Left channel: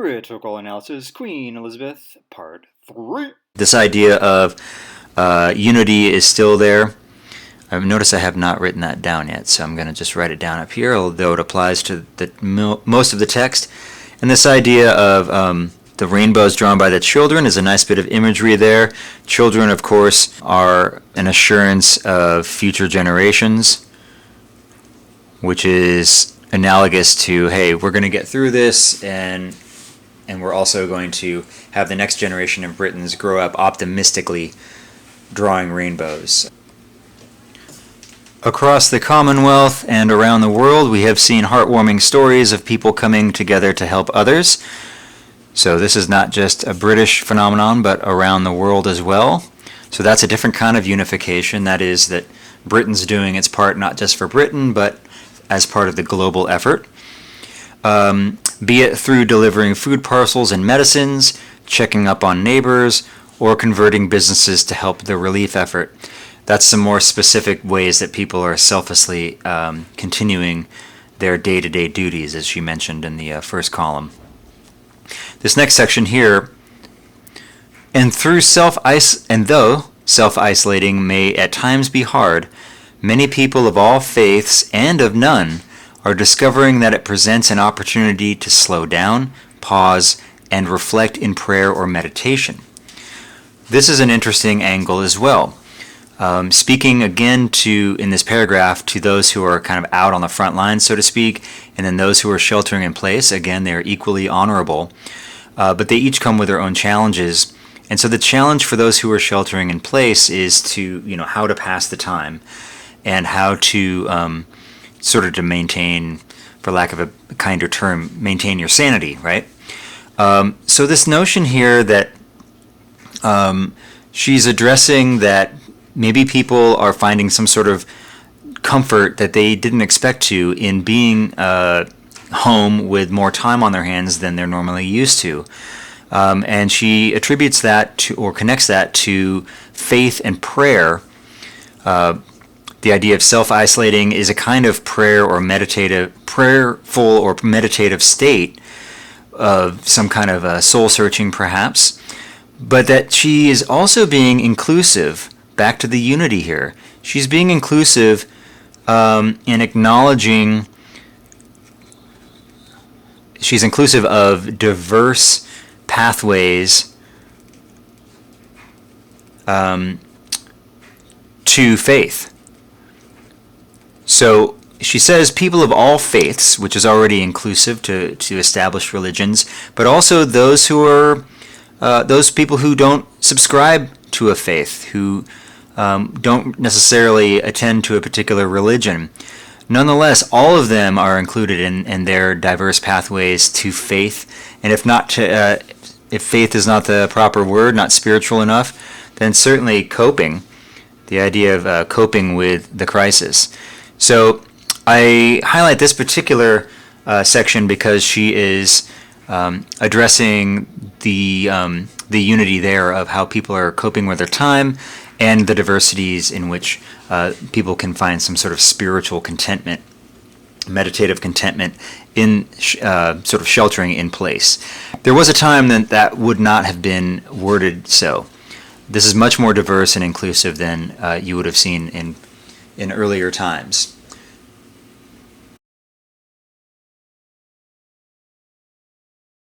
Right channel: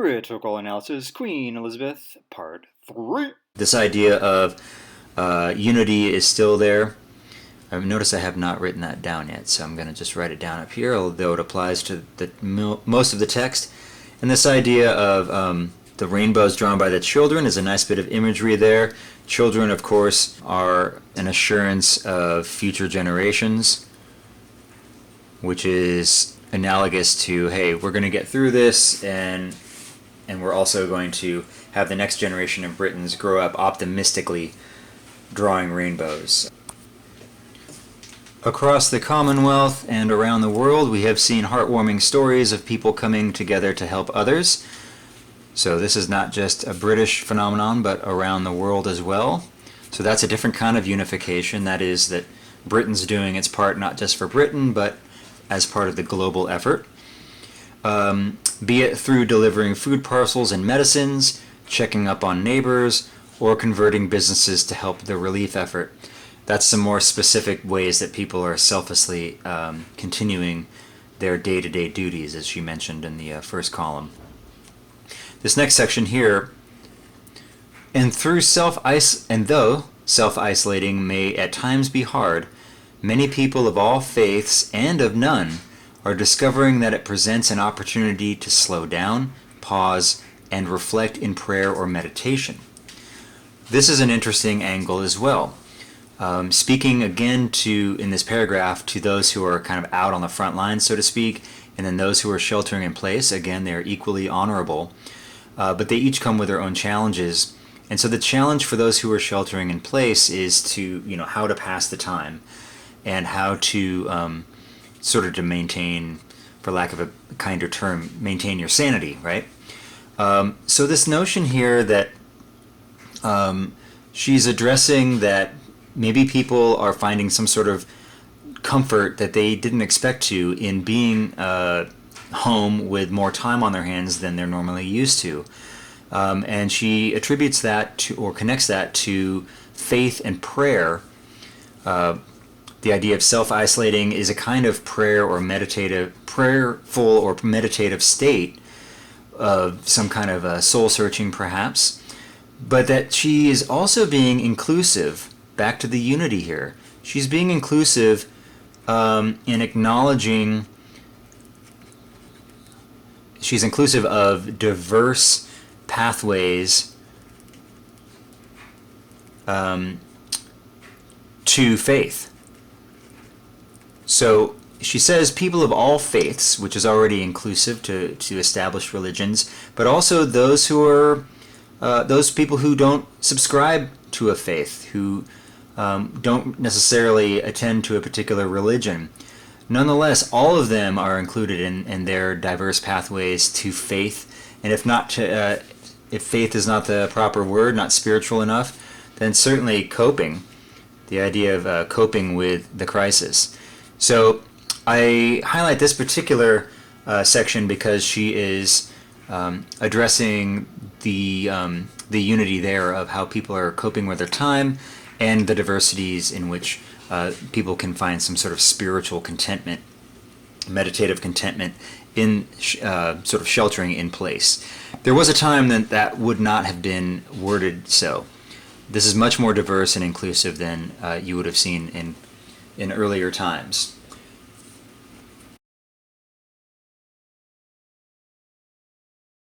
Rhetorical Analysis, Queen Elizabeth, Part 3. This idea of unity is still there. Notice I have not written that down yet, so I'm going to just write it down up here, although it applies to most of the text. And this idea of the rainbows drawn by the children is a nice bit of imagery there. Children, of course, are an assurance of future generations, which is analogous to, hey, we're going to get through this, and we're also going to have the next generation of Britons grow up optimistically drawing rainbows. Across the Commonwealth and around the world, we have seen heartwarming stories of people coming together to help others. So this is not just a British phenomenon, but around the world as well. So that's a different kind of unification. That is that Britain's doing its part not just for Britain, but as part of the global effort. Be it through delivering food parcels and medicines, checking up on neighbors, or converting businesses to help the relief effort. That's some more specific ways that people are selflessly continuing their day-to-day duties, as she mentioned in the first column. This next section here, and though self-isolating may at times be hard, many people of all faiths and of none are discovering that it presents an opportunity to slow down, pause, and reflect in prayer or meditation. This is an interesting angle as well. Speaking again in this paragraph to those who are kind of out on the front lines, so to speak, and then those who are sheltering in place, again, they are equally honorable, but they each come with their own challenges. And so the challenge for those who are sheltering in place is to, how to pass the time and how to sort of to maintain, for lack of a kinder term, maintain your sanity, right? So this notion here that she's addressing that maybe people are finding some sort of comfort that they didn't expect to in being home with more time on their hands than they're normally used to. And she attributes that to, or connects that to, faith and prayer. The idea of self-isolating is a kind of prayerful or meditative state of some kind of soul-searching perhaps, but that she is also being inclusive. Back to the unity here. She's being inclusive in acknowledging, she's inclusive of diverse pathways to faith. So she says people of all faiths, which is already inclusive to established religions, but also those who are those people who don't subscribe to a faith, who don't necessarily attend to a particular religion. Nonetheless, all of them are included in their diverse pathways to faith. And if faith is not the proper word, not spiritual enough, then certainly coping, the idea of coping with the crisis. So I highlight this particular section because she is addressing the unity there of how people are coping with their time and the diversities in which people can find some sort of spiritual contentment, meditative contentment in sort of sheltering in place. There was a time that would not have been worded so. This is much more diverse and inclusive than you would have seen in earlier times.